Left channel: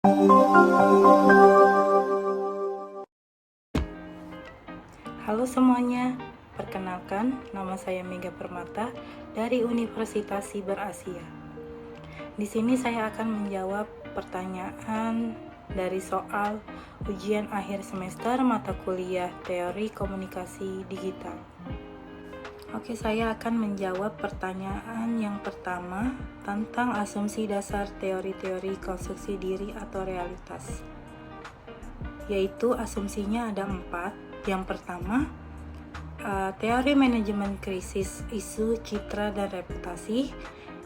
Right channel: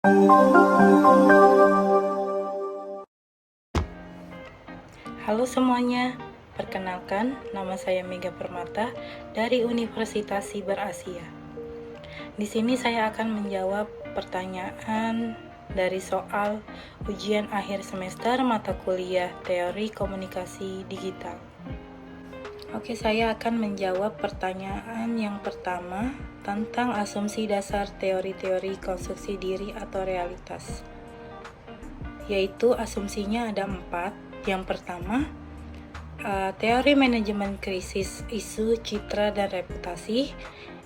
Halo semuanya, perkenalkan nama saya Mega Permata dari Universitas Siber Asia. Di sini saya akan menjawab pertanyaan dari soal ujian akhir semester mata kuliah Teori Komunikasi Digital. Oke, saya akan menjawab pertanyaan yang pertama tentang asumsi dasar teori-teori konstruksi diri atau realitas. Yaitu asumsinya ada 4. Yang pertama, teori manajemen krisis, isu, citra, dan reputasi.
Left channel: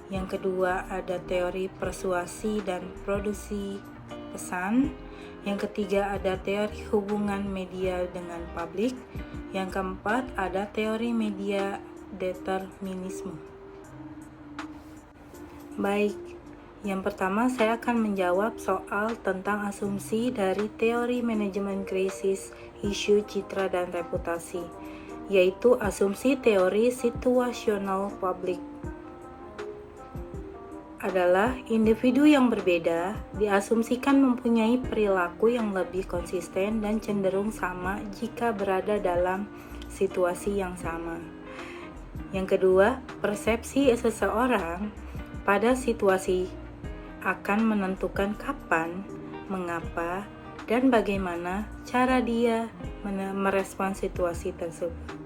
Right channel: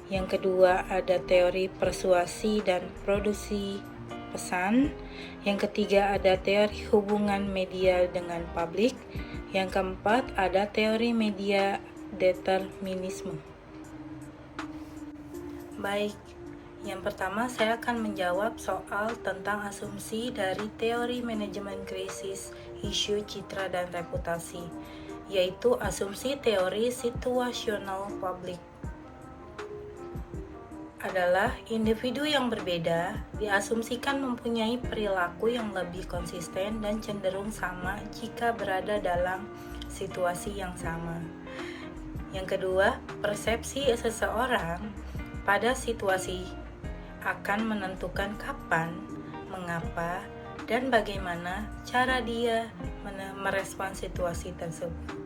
Yang kedua, ada teori persuasi dan produksi pesan. Yang ketiga, ada teori hubungan media dengan publik. Yang keempat, ada teori media determinisme. Baik, yang pertama saya akan menjawab soal tentang asumsi dari teori manajemen krisis, isu, citra, dan reputasi, yaitu asumsi teori situasional publik. Adalah individu yang berbeda diasumsikan mempunyai perilaku yang lebih konsisten dan cenderung sama jika berada dalam situasi yang sama. Yang kedua, persepsi seseorang pada situasi akan menentukan kapan, mengapa, dan bagaimana cara dia merespon situasi tersebut.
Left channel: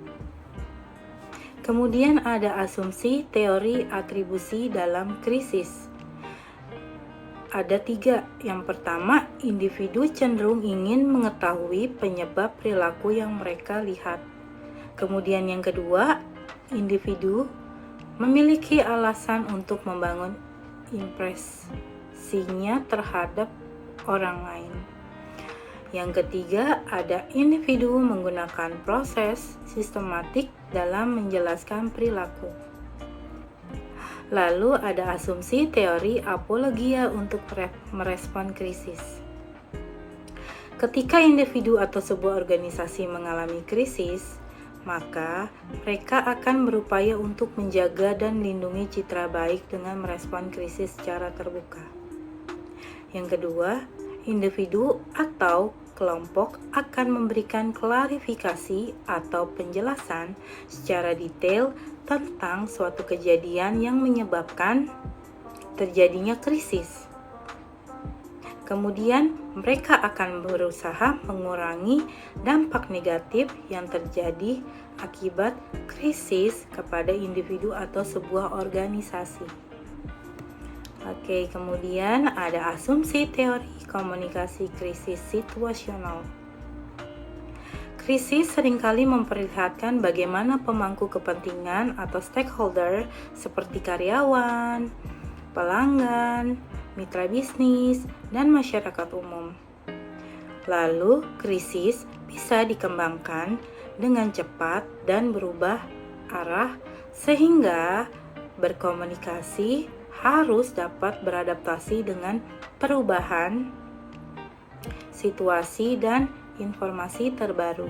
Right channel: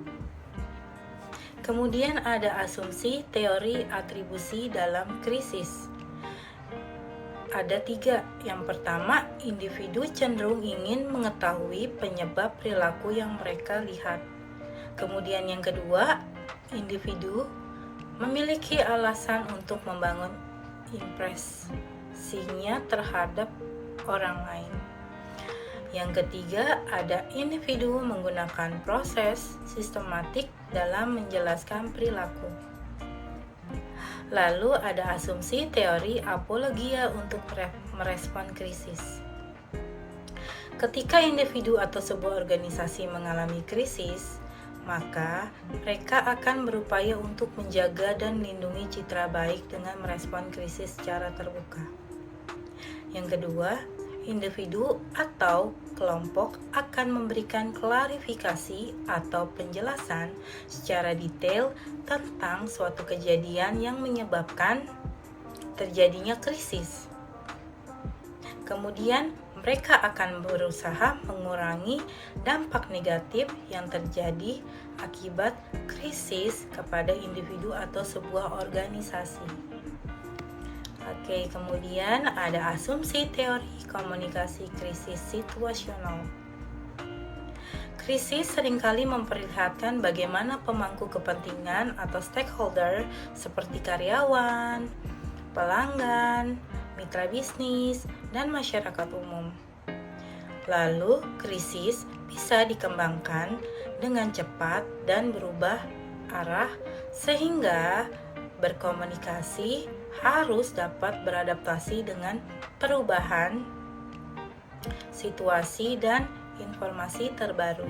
Kemudian ada asumsi teori atribusi dalam krisis. Ada 3. Yang pertama, individu cenderung ingin mengetahui penyebab perilaku yang mereka lihat. Kemudian yang kedua, individu memiliki alasan untuk membangun impresinya terhadap orang lain. Yang ketiga, ada individu menggunakan proses sistematik dalam menjelaskan perilaku. Lalu ada asumsi teori apologia untuk merespon krisis. Ketika individu atau sebuah organisasi mengalami krisis, maka mereka akan berupaya untuk menjaga dan melindungi citra baik dengan merespon krisis secara terbuka. Yang kedua, individu atau kelompok akan memberikan klarifikasi atau penjelasan secara detail tentang suatu kejadian yang menyebabkan terjadinya krisis. Kemudian, mereka akan berusaha mengurangi dampak negatif yang terjadi akibat krisis kepada individu atau sebuah organisasi. Oke, kemudian ada asumsi teori komunikasi krisis situasional. Krisis seringkali memperlihatkan bagaimana pemangku kepentingan atau stakeholder seperti karyawan, pelanggan, mitra bisnis, dan masyarakat umum. Lalu, krisis bisa dikembangkan dengan cepat dan berubah arah sehingga berkomunikasi harus dapat beradaptasi dengan perubahan situasi dan informasi terbaru.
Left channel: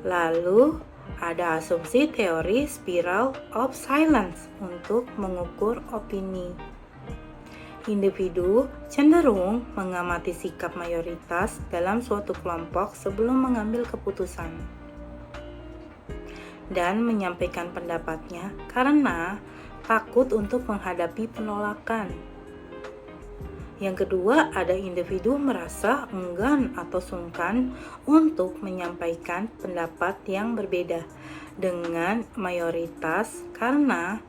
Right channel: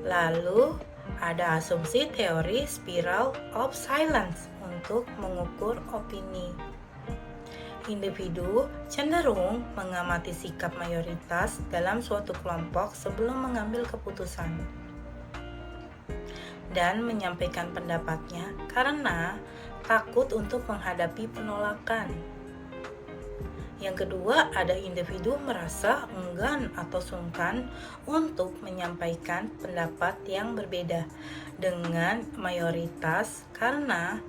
Lalu, ada asumsi teori spiral of silence untuk mengukur opini. Individu cenderung mengamati sikap mayoritas dalam suatu kelompok sebelum mengambil keputusan dan menyampaikan pendapatnya karena takut untuk menghadapi penolakan. Yang kedua, ada individu merasa enggan atau sungkan untuk menyampaikan pendapat yang berbeda dengan mayoritas karena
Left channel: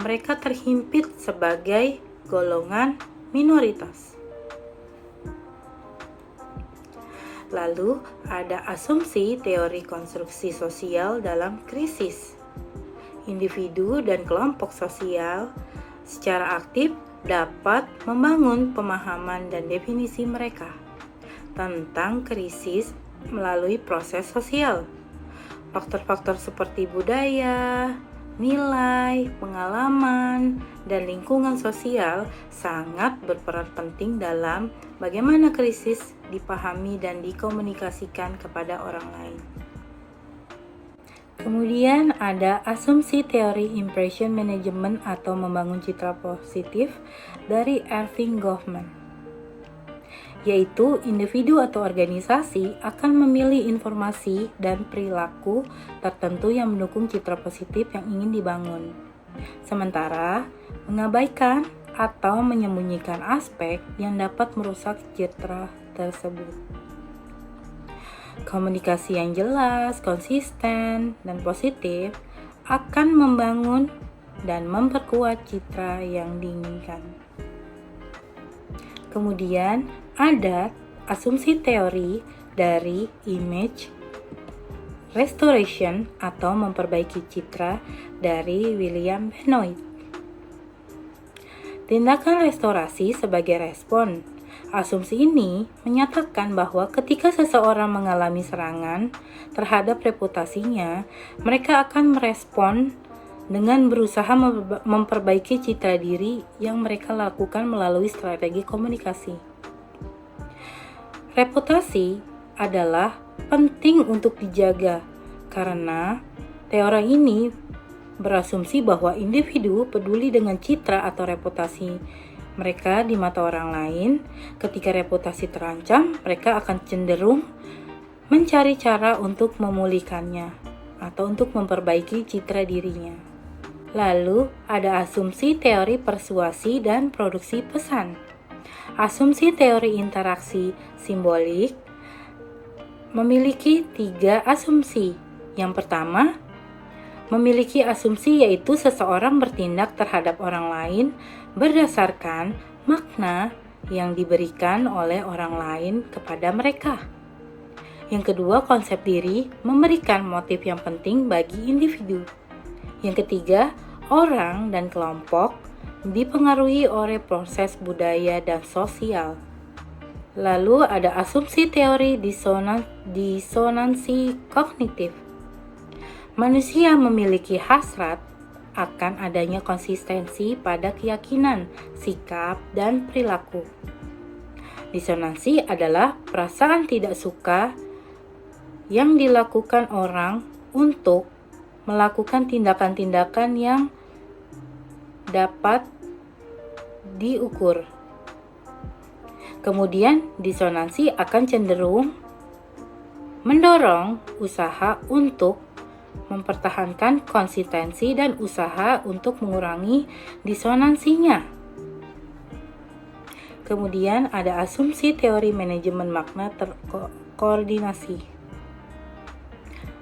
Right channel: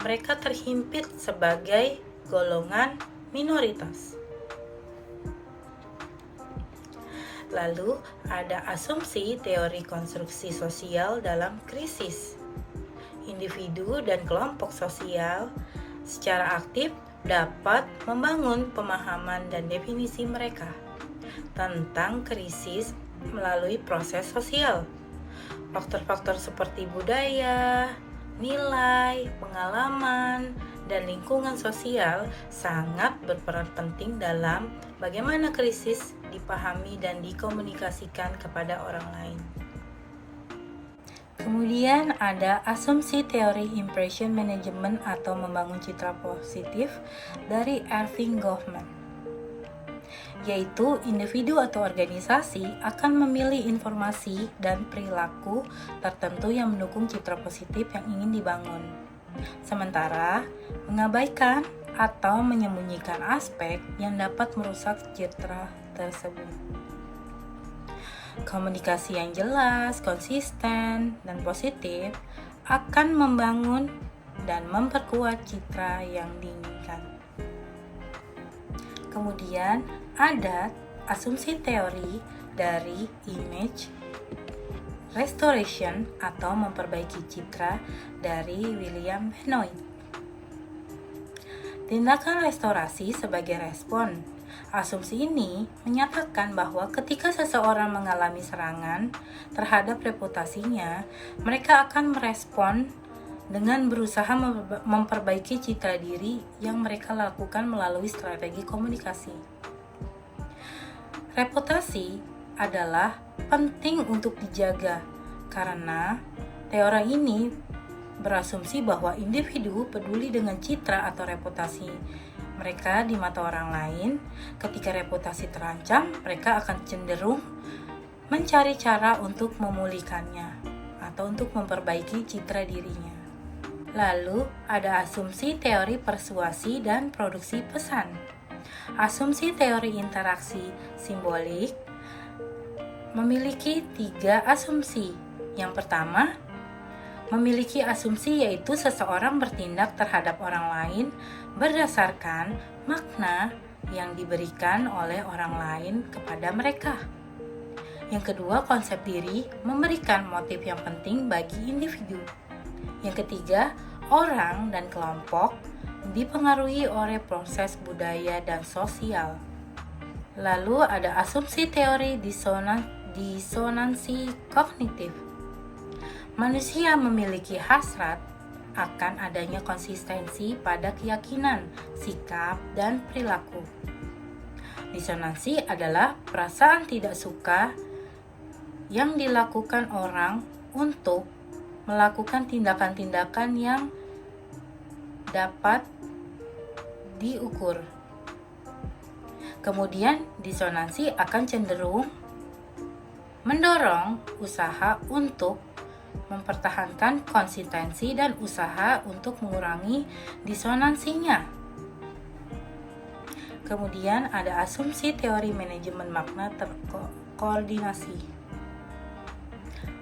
mereka terhimpit sebagai golongan minoritas. Lalu, ada asumsi teori konstruksi sosial dalam krisis. Individu dan kelompok sosial secara aktif dapat membangun pemahaman dan definisi mereka tentang krisis melalui proses sosial. Faktor-faktor seperti budaya, nilai, pengalaman, dan lingkungan sosial sangat berperan penting dalam bagaimana krisis dipahami dan dikomunikasikan kepada orang lain. Kemudian ada asumsi teori impression management atau membangun citra positif dari Erving Goffman. yaitu individu atau organisasi akan memilih informasi dan perilaku tertentu yang mendukung citra positif yang ingin dibangun. Sementara, mengabaikan atau menyembunyikan aspek yang dapat merusak citra tersebut. Komunikasi yang jelas, konsisten, dan positif akan membangun dan memperkuat citra yang diinginkan. Kemudian ada asumsi teori dari image restoration atau memperbaiki citra dari William Benoit. Tindakan restorasi sebagai respon. Asumsi ini menyatakan bahwa ketika seseorang mengalami serangan terhadap reputasinya, mereka akan merespon dengan berusaha memperbaiki citra diri yang mereka lakukan melalui strategi komunikasi. Reputasi adalah penting untuk dijaga karena teori ini berasumsi bahwa individu peduli dengan citra atau reputasi mereka di mata orang lain. Ketika reputasi terancam, mereka akan cenderung mencari cara untuk memulihkannya atau untuk memperbaiki citra dirinya. Lalu ada asumsi teori persuasi dan produksi pesan. Asumsi teori interaksi simbolik memiliki 3 asumsi. Yang pertama, memiliki asumsi yaitu seseorang bertindak terhadap orang lain berdasarkan makna yang diberikan oleh orang lain kepada mereka. Yang kedua, konsep diri memberikan motif yang penting bagi individu. Yang ketiga, orang dan kelompok dipengaruhi oleh proses budaya dan sosial. Lalu ada asumsi teori disonansi kognitif. Manusia memiliki hasrat akan adanya konsistensi pada keyakinan, sikap, dan perilaku. Disonansi adalah perasaan tidak suka yang dilakukan orang untuk melakukan tindakan-tindakan yang dapat diukur. Kemudian, disonansi akan cenderung mendorong usaha untuk mempertahankan konsistensi dan usaha untuk mengurangi disonansinya. Kemudian ada asumsi teori manajemen makna koordinasi.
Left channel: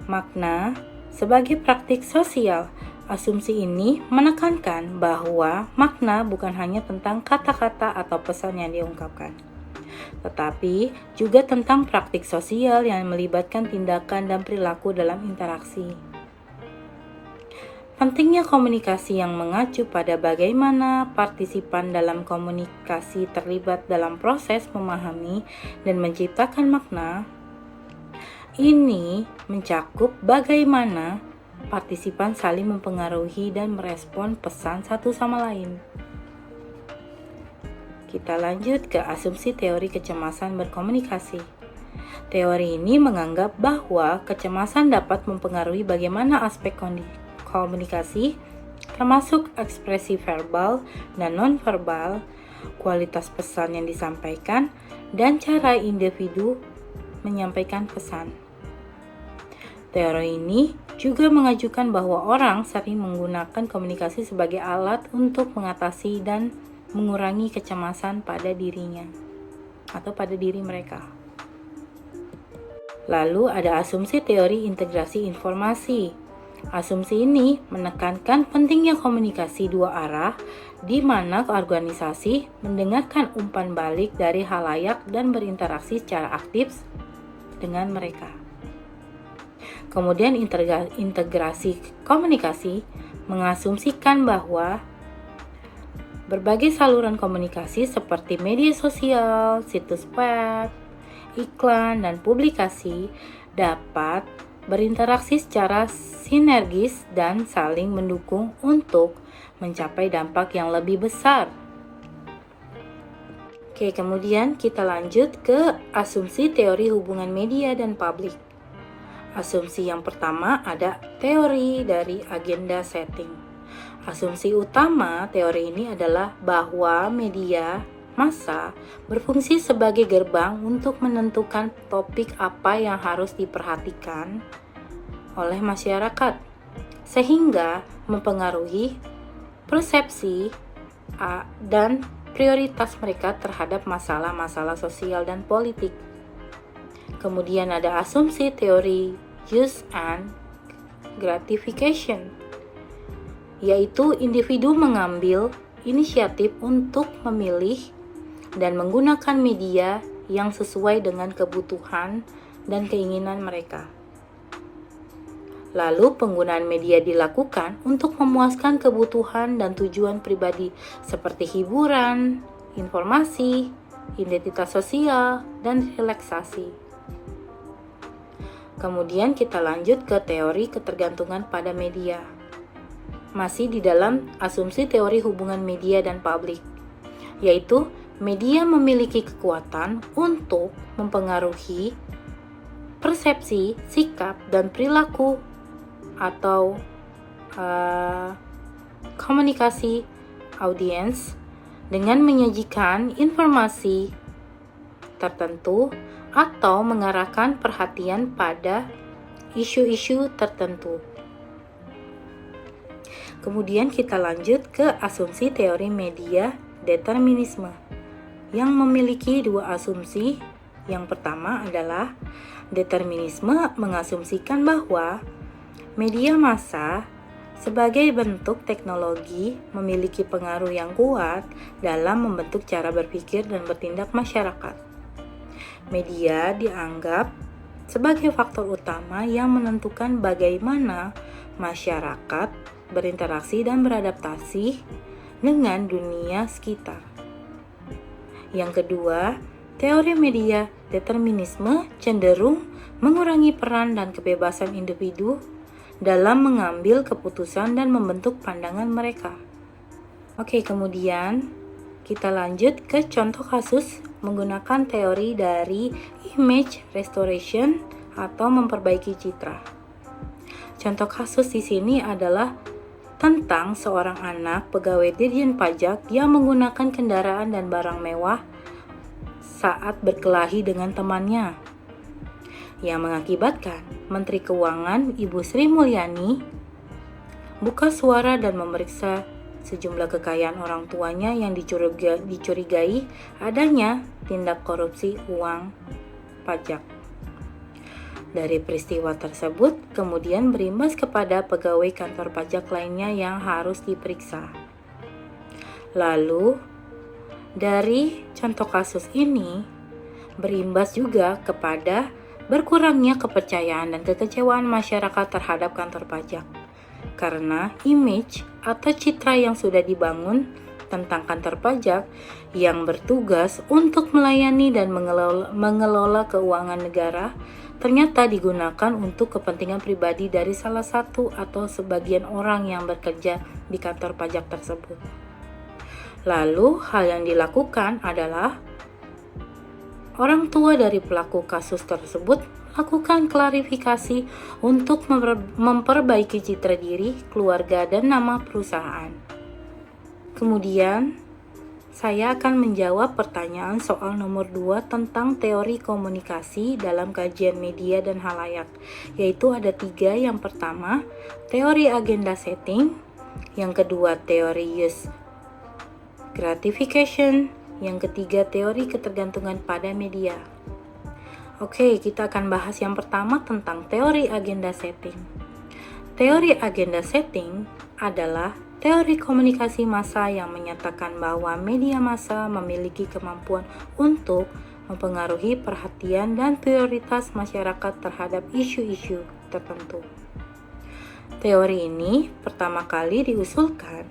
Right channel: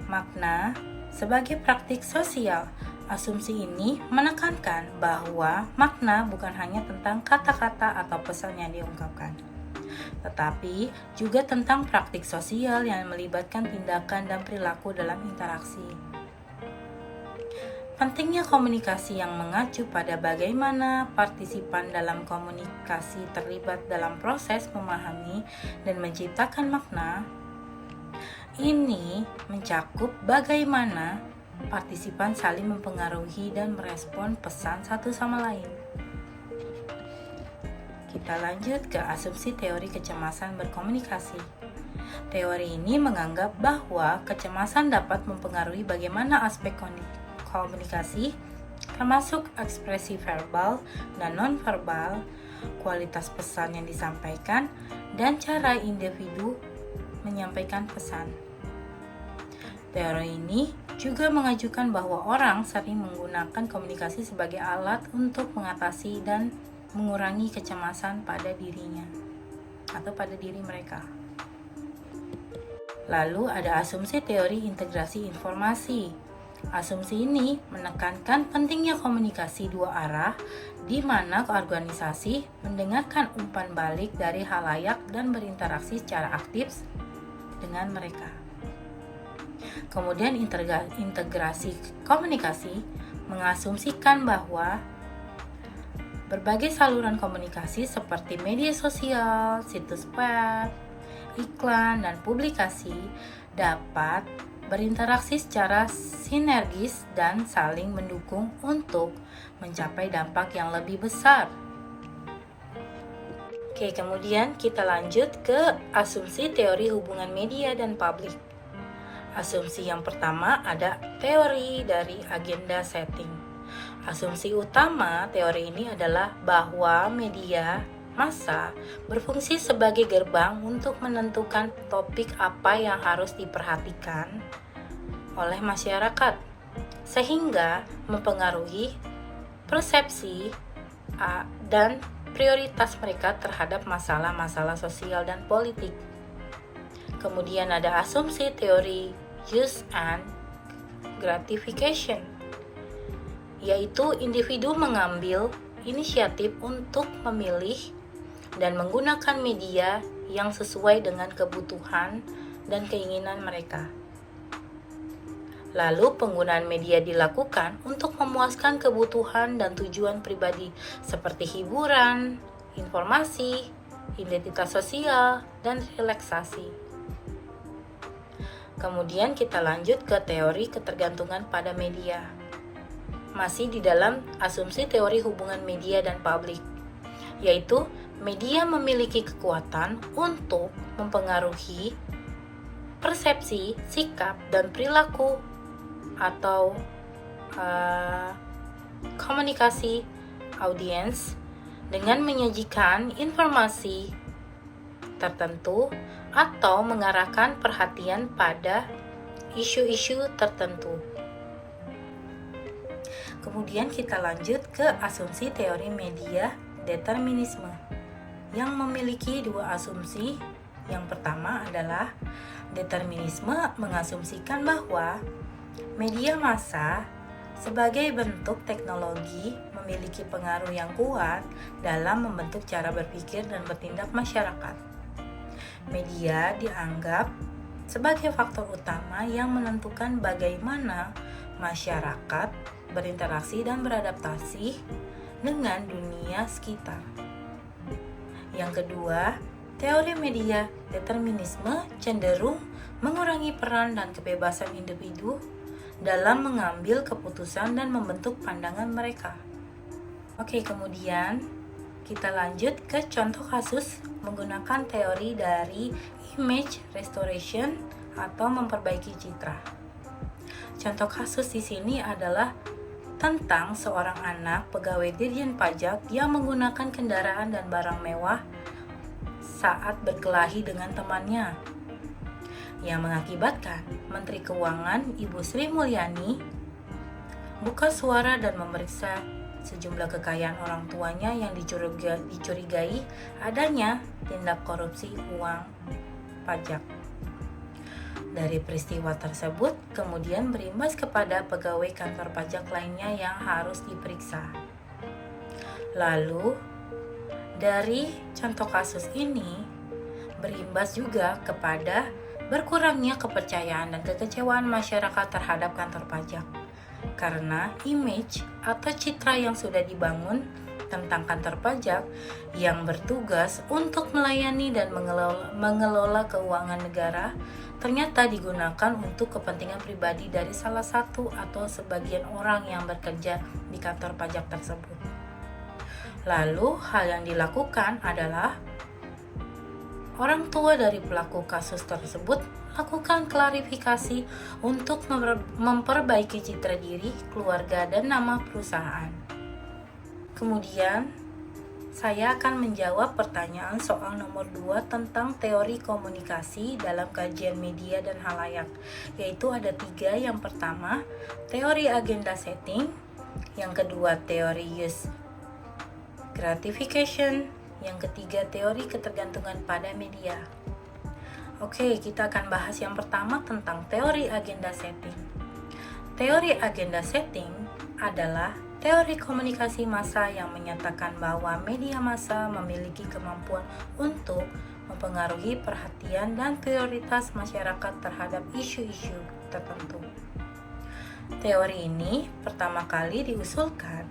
Makna sebagai praktik sosial. Asumsi ini menekankan bahwa makna bukan hanya tentang kata-kata atau pesan yang diungkapkan, tetapi juga tentang praktik sosial yang melibatkan tindakan dan perilaku dalam interaksi. Pentingnya komunikasi yang mengacu pada bagaimana partisipan dalam komunikasi terlibat dalam proses memahami dan menciptakan makna. Ini mencakup bagaimana partisipan saling mempengaruhi dan merespon pesan satu sama lain. Kita lanjut ke asumsi teori kecemasan berkomunikasi. Teori ini menganggap bahwa kecemasan dapat mempengaruhi bagaimana aspek komunikasi, termasuk ekspresi verbal dan non-verbal, kualitas pesan yang disampaikan, dan cara individu menyampaikan pesan. Teori ini juga mengajukan bahwa orang sering menggunakan komunikasi sebagai alat untuk mengatasi dan mengurangi kecemasan pada dirinya atau pada diri mereka. Lalu ada asumsi teori integrasi informasi. Asumsi ini menekankan pentingnya komunikasi dua arah di mana organisasi mendengarkan umpan balik dari halayak dan berinteraksi secara aktif dengan mereka. Kemudian integrasi komunikasi mengasumsikan bahwa berbagai saluran komunikasi seperti media sosial, situs web, iklan, dan publikasi dapat berinteraksi secara sinergis dan saling mendukung untuk mencapai dampak yang lebih besar. Oke, kemudian kita lanjut ke asumsi teori hubungan media dan publik. Asumsi yang pertama ada teori dari agenda setting. Asumsi utama teori ini adalah bahwa media massa berfungsi sebagai gerbang untuk menentukan topik apa yang harus diperhatikan oleh masyarakat, sehingga mempengaruhi persepsi dan prioritas mereka terhadap masalah-masalah sosial dan politik. Kemudian ada asumsi teori use and gratification, yaitu individu mengambil inisiatif untuk memilih dan menggunakan media yang sesuai dengan kebutuhan dan keinginan mereka. Lalu penggunaan media dilakukan untuk memuaskan kebutuhan dan tujuan pribadi seperti hiburan, informasi, identitas sosial, dan relaksasi. Kemudian kita lanjut ke teori ketergantungan pada media. Masih di dalam asumsi teori hubungan media dan publik, yaitu media memiliki kekuatan untuk mempengaruhi persepsi, sikap, dan perilaku atau komunikasi audiens dengan menyajikan informasi tertentu atau mengarahkan perhatian pada isu-isu tertentu. Kemudian kita lanjut ke asumsi teori media determinisme yang memiliki dua asumsi. Yang pertama adalah determinisme mengasumsikan bahwa media massa sebagai bentuk teknologi memiliki pengaruh yang kuat dalam membentuk cara berpikir dan bertindak masyarakat. Media dianggap sebagai faktor utama yang menentukan bagaimana masyarakat berinteraksi dan beradaptasi dengan dunia sekitar. Yang kedua, teori media determinisme cenderung mengurangi peran dan kebebasan individu dalam mengambil keputusan dan membentuk pandangan mereka. Oke, kemudian kita lanjut ke contoh kasus menggunakan teori dari image restoration atau memperbaiki citra. Contoh kasus di sini adalah tentang seorang anak pegawai Dirjen Pajak yang menggunakan kendaraan dan barang mewah saat berkelahi dengan temannya, yang mengakibatkan Menteri Keuangan Ibu Sri Mulyani buka suara dan memeriksa sejumlah kekayaan orang tuanya yang dicurigai adanya tindak korupsi uang pajak. Dari peristiwa tersebut kemudian berimbas kepada pegawai kantor pajak lainnya yang harus diperiksa. Lalu dari contoh kasus ini berimbas juga kepada berkurangnya kepercayaan dan kekecewaan masyarakat terhadap kantor pajak karena image atau citra yang sudah dibangun tentang kantor pajak yang bertugas untuk melayani dan mengelola keuangan negara ternyata digunakan untuk kepentingan pribadi dari salah satu atau sebagian orang yang bekerja di kantor pajak tersebut. Lalu hal yang dilakukan adalah orang tua dari pelaku kasus tersebut lakukan klarifikasi untuk memperbaiki citra diri, keluarga, dan nama perusahaan. Kemudian, saya akan menjawab pertanyaan soal nomor 2 tentang teori komunikasi dalam kajian media dan halayak, yaitu ada 3. Yang pertama, teori agenda setting. Yang kedua, teori use gratification. Yang ketiga, teori ketergantungan pada media. Oke, kita akan bahas yang pertama tentang teori agenda setting. Teori agenda setting adalah teori komunikasi massa yang menyatakan bahwa media massa memiliki kemampuan untuk mempengaruhi perhatian dan prioritas masyarakat terhadap isu-isu tertentu. Teori ini pertama kali diusulkan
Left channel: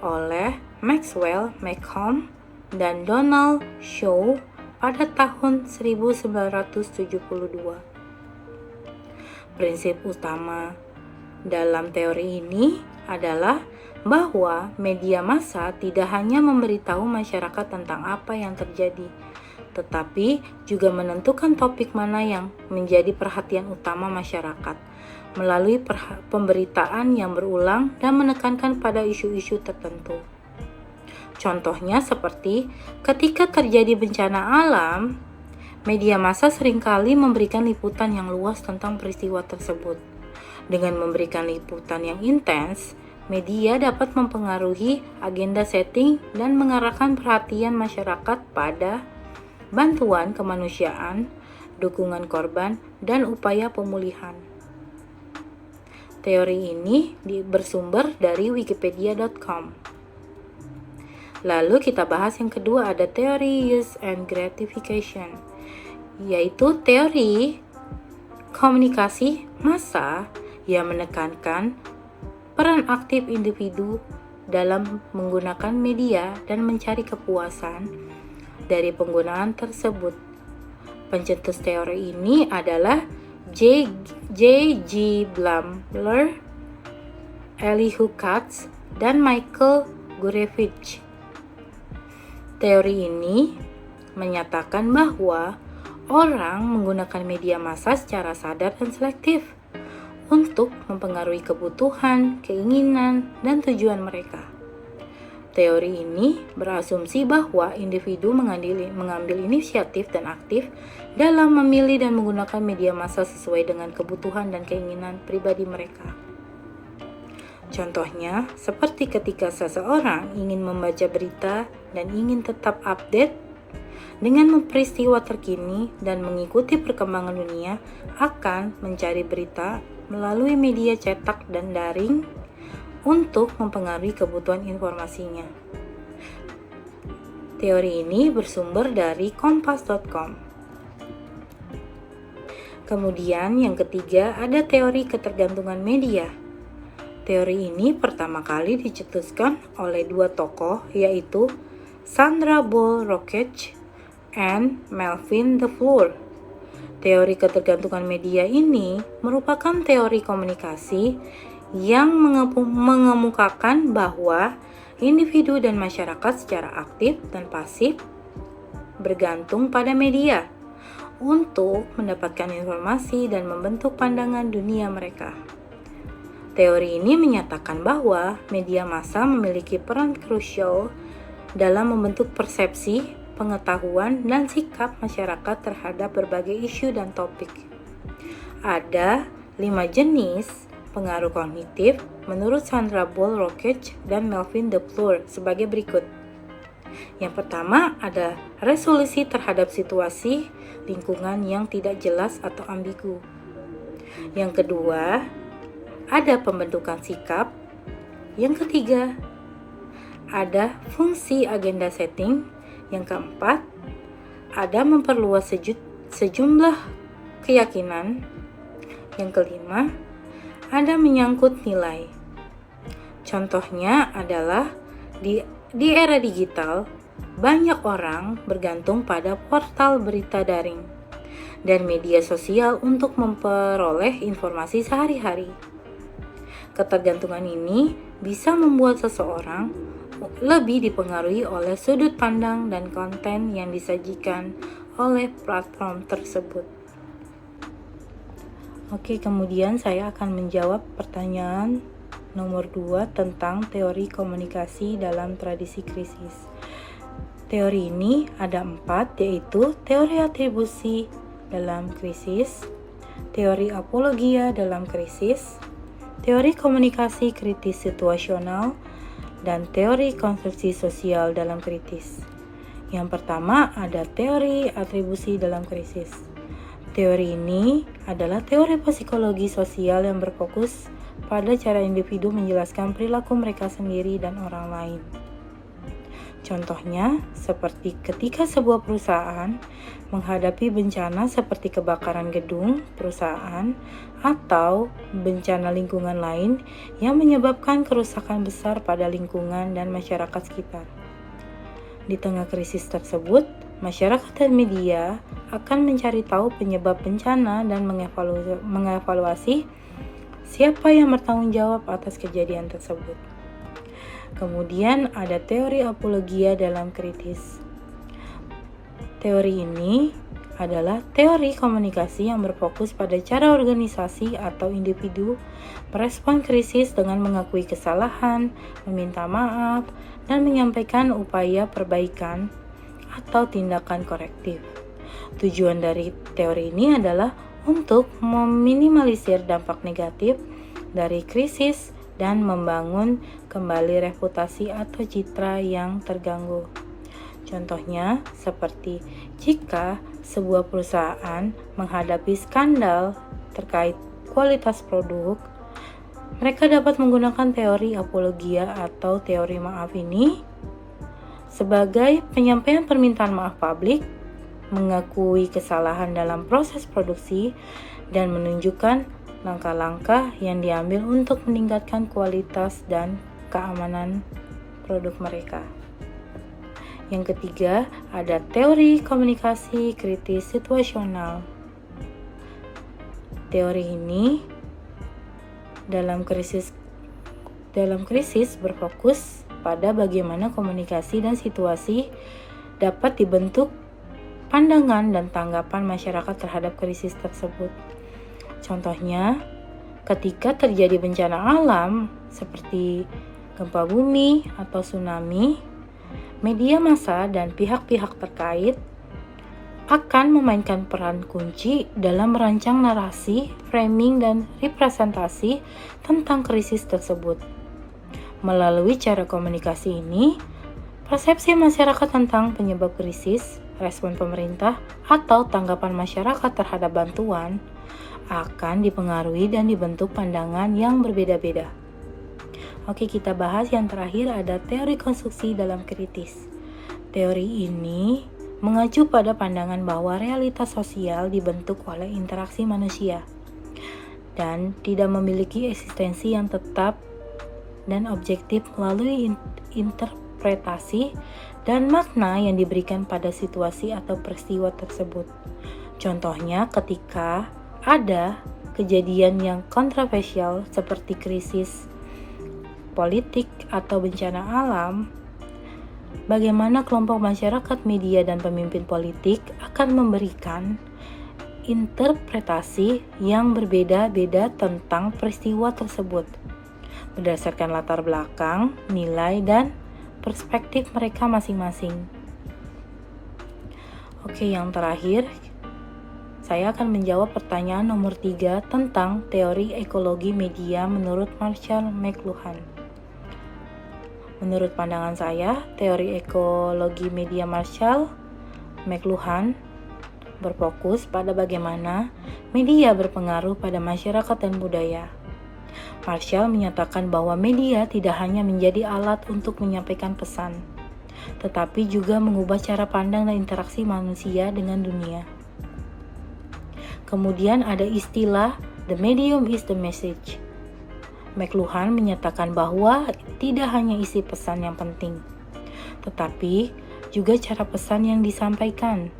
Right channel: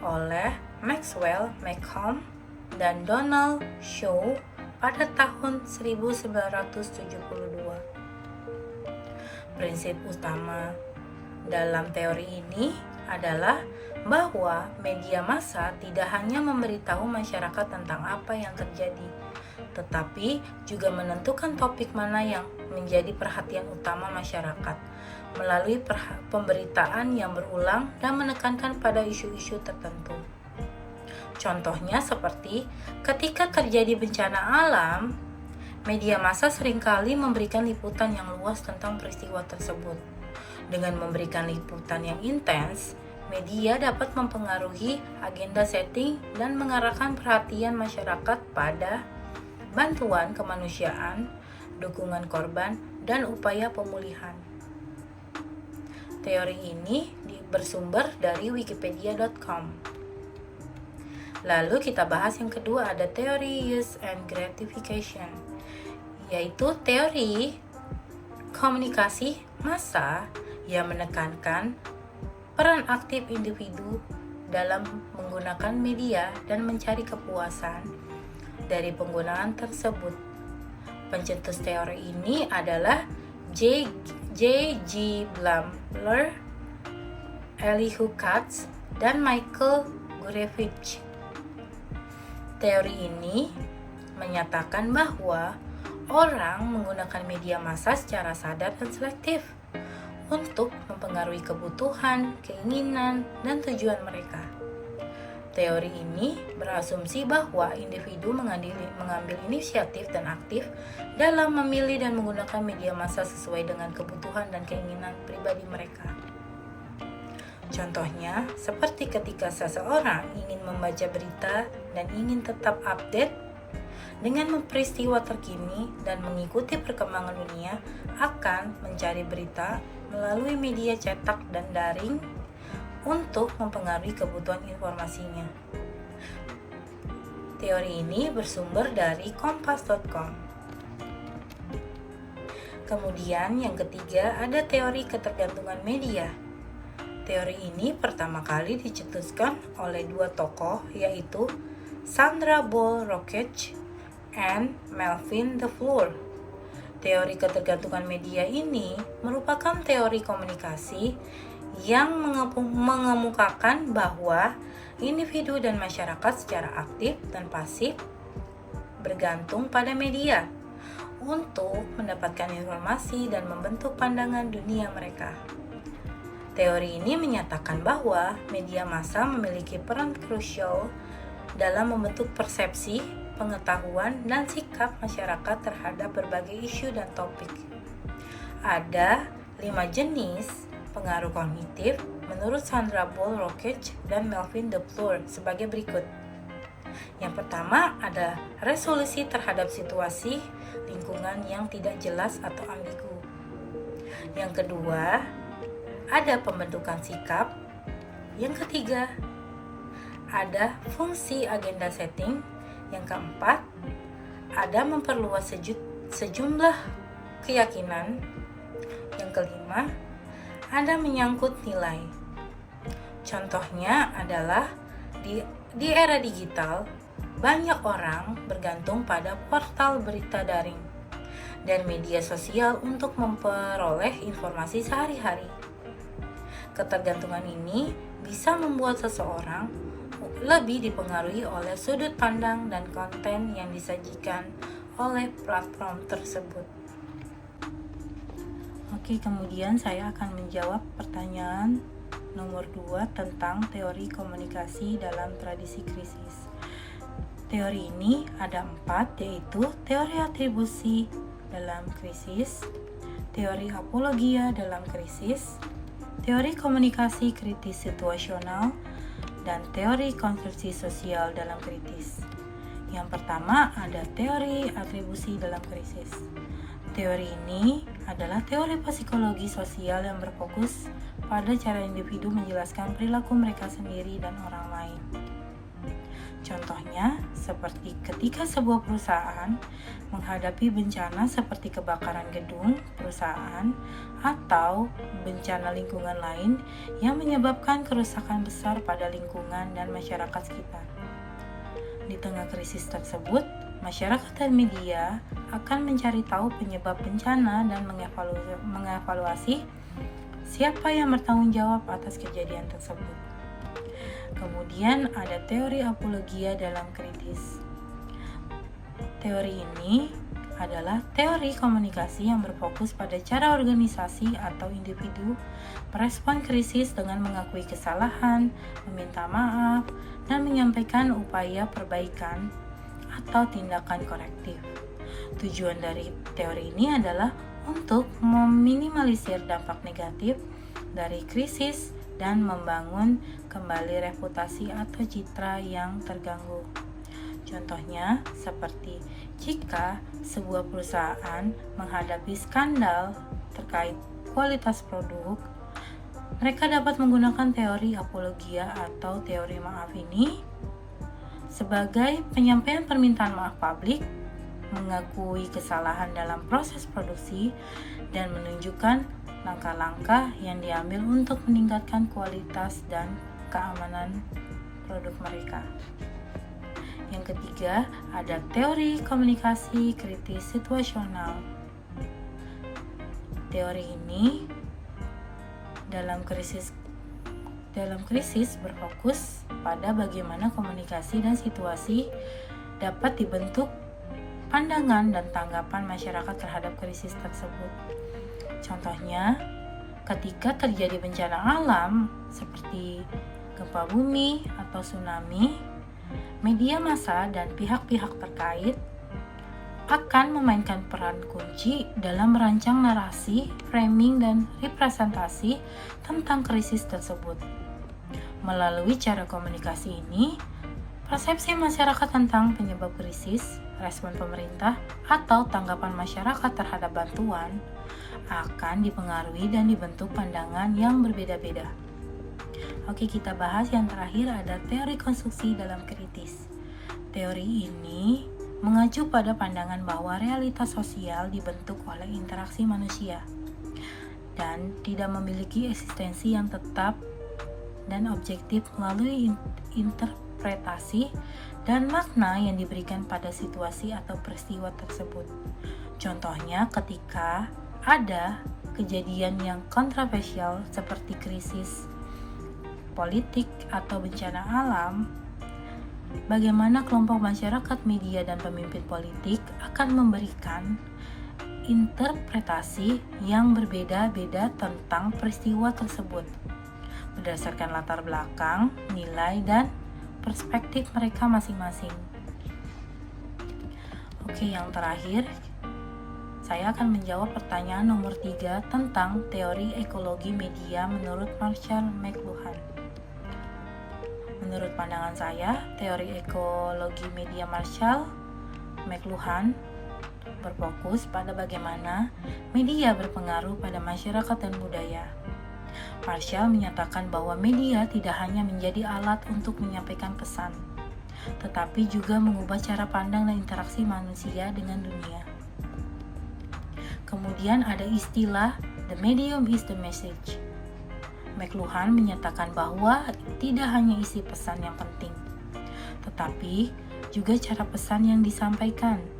oleh Maxwell Malcolm dan Donald Shaw pada tahun 1972. Prinsip utama dalam teori ini adalah bahwa media massa tidak hanya memberitahu masyarakat tentang apa yang terjadi, tetapi juga menentukan topik mana yang menjadi perhatian utama masyarakat melalui pemberitaan yang berulang dan menekankan pada isu-isu tertentu. Contohnya seperti ketika terjadi bencana alam, media massa seringkali memberikan liputan yang luas tentang peristiwa tersebut. Dengan memberikan liputan yang intens, media dapat mempengaruhi agenda setting dan mengarahkan perhatian masyarakat pada bantuan kemanusiaan, dukungan korban, dan upaya pemulihan. Teori ini bersumber dari wikipedia.com. Lalu kita bahas yang kedua, ada teori use and gratification, yaitu teori komunikasi massa yang menekankan peran aktif individu dalam menggunakan media dan mencari kepuasan dari penggunaan tersebut. Pencetus teori ini adalah J.G. Blumler, Elihu Katz, dan Michael Gurevich. Teori ini menyatakan bahwa orang menggunakan media massa secara sadar dan selektif untuk mempengaruhi kebutuhan, keinginan, dan tujuan mereka. Teori ini berasumsi bahwa individu mengambil inisiatif dan aktif dalam memilih dan menggunakan media massa sesuai dengan kebutuhan dan keinginan pribadi mereka. Contohnya, seperti ketika seseorang ingin membaca berita dan ingin tetap update dengan peristiwa terkini dan mengikuti perkembangan dunia, akan mencari berita melalui media cetak dan daring untuk mempengaruhi kebutuhan informasinya. Teori ini bersumber dari kompas.com. Kemudian yang ketiga, ada teori ketergantungan media. Teori ini pertama kali dicetuskan oleh dua tokoh, yaitu Sandra Ball Rockach and Melvin DeFleur. Teori ketergantungan media ini merupakan teori komunikasi yang mengemukakan bahwa individu dan masyarakat secara aktif dan pasif bergantung pada media untuk mendapatkan informasi dan membentuk pandangan dunia mereka. Teori ini menyatakan bahwa media massa memiliki peran krusial dalam membentuk persepsi, pengetahuan, dan sikap masyarakat terhadap berbagai isu dan topik. Ada 5 jenis pengaruh kognitif menurut Sandra Ball Rockach dan Melvin DeFleur sebagai berikut. Yang pertama ada resolusi terhadap situasi lingkungan yang tidak jelas atau ambigu. Yang kedua, ada pembentukan sikap. Yang ketiga, ada fungsi agenda setting. Yang keempat, ada memperluas sejumlah keyakinan. Yang kelima, ada menyangkut nilai. Contohnya adalah di era digital, banyak orang bergantung pada portal berita daring dan media sosial untuk memperoleh informasi sehari-hari. Ketergantungan ini bisa membuat seseorang lebih dipengaruhi oleh sudut pandang dan konten yang disajikan oleh platform tersebut. Oke, kemudian saya akan menjawab pertanyaan nomor 2 tentang teori komunikasi dalam tradisi krisis. Teori ini ada 4, yaitu teori atribusi dalam krisis, teori apologia dalam krisis, teori komunikasi kritis situasional, dan teori konstruksi sosial dalam kritis. Yang pertama ada teori atribusi dalam krisis. Teori ini adalah teori psikologi sosial yang berfokus pada cara individu menjelaskan perilaku mereka sendiri dan orang lain. Contohnya, seperti ketika sebuah perusahaan menghadapi bencana seperti kebakaran gedung perusahaan atau bencana lingkungan lain yang menyebabkan kerusakan besar pada lingkungan dan masyarakat sekitar. Di tengah krisis tersebut, masyarakat dan media akan mencari tahu penyebab bencana dan mengevaluasi siapa yang bertanggung jawab atas kejadian tersebut. Kemudian ada teori apologia dalam kritis. Teori ini adalah teori komunikasi yang berfokus pada cara organisasi atau individu merespon krisis dengan mengakui kesalahan, meminta maaf, dan menyampaikan upaya perbaikan atau tindakan korektif. Tujuan dari teori ini adalah untuk meminimalisir dampak negatif dari krisis dan membangun kembali reputasi atau citra yang terganggu. Contohnya, seperti jika sebuah perusahaan menghadapi skandal terkait kualitas produk, mereka dapat menggunakan teori apologia atau teori maaf ini sebagai penyampaian permintaan maaf publik, mengakui kesalahan dalam proses produksi, dan menunjukkan langkah-langkah yang diambil untuk meningkatkan kualitas dan keamanan produk mereka. Yang ketiga, ada teori komunikasi kritis situasional. Teori ini dalam krisis berfokus pada bagaimana komunikasi dan situasi dapat dibentuk pandangan dan tanggapan masyarakat terhadap krisis tersebut. Contohnya, ketika terjadi bencana alam seperti gempa bumi atau tsunami, media massa dan pihak-pihak terkait akan memainkan peran kunci dalam merancang narasi, framing, dan representasi tentang krisis tersebut. Melalui cara komunikasi ini, persepsi masyarakat tentang penyebab krisis, respon pemerintah, atau tanggapan masyarakat terhadap bantuan akan dipengaruhi dan dibentuk pandangan yang berbeda-beda. Oke, kita bahas yang terakhir, ada teori konstruksi dalam kritis. Teori ini mengacu pada pandangan bahwa realitas sosial dibentuk oleh interaksi manusia dan tidak memiliki eksistensi yang tetap dan objektif melalui interpretasi dan makna yang diberikan pada situasi atau peristiwa tersebut. Contohnya, ketika ada kejadian yang kontroversial seperti krisis politik atau bencana alam, bagaimana kelompok masyarakat, media, dan pemimpin politik akan memberikan interpretasi yang berbeda-beda tentang peristiwa tersebut berdasarkan latar belakang, nilai, dan perspektif mereka masing-masing. Oke, yang terakhir, saya akan menjawab pertanyaan nomor 3 tentang teori ekologi media menurut Marshall McLuhan. Menurut pandangan saya, teori ekologi media Marshall McLuhan berfokus pada bagaimana media berpengaruh pada masyarakat dan budaya. Marshall menyatakan bahwa media tidak hanya menjadi alat untuk menyampaikan pesan, tetapi juga mengubah cara pandang dan interaksi manusia dengan dunia. Kemudian ada istilah "the medium is the message". McLuhan menyatakan bahwa tidak hanya isi pesan yang penting, tetapi juga cara pesan yang disampaikan.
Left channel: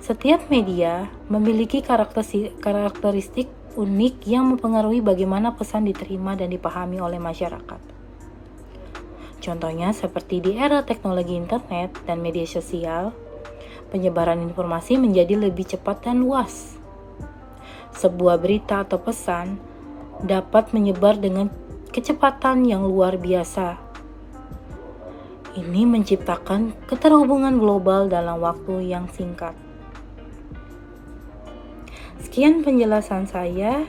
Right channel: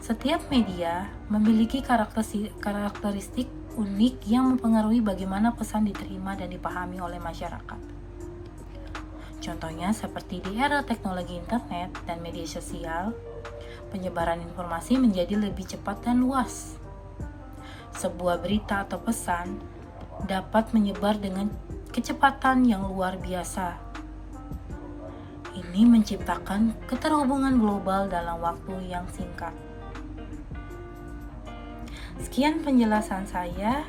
Setiap media memiliki karakteristik unik yang mempengaruhi bagaimana pesan diterima dan dipahami oleh masyarakat. Contohnya seperti di era teknologi internet dan media sosial, penyebaran informasi menjadi lebih cepat dan luas. Sebuah berita atau pesan dapat menyebar dengan kecepatan yang luar biasa. Ini menciptakan keterhubungan global dalam waktu yang singkat. Sekian penjelasan saya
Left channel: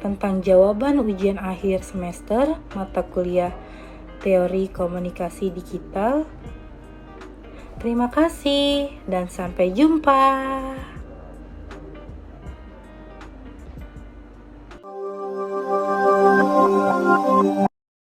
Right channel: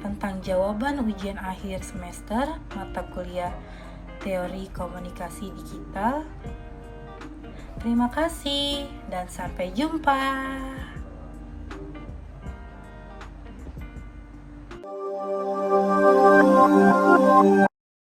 tentang jawaban ujian akhir semester mata kuliah Teori Komunikasi Digital. Terima kasih dan sampai jumpa.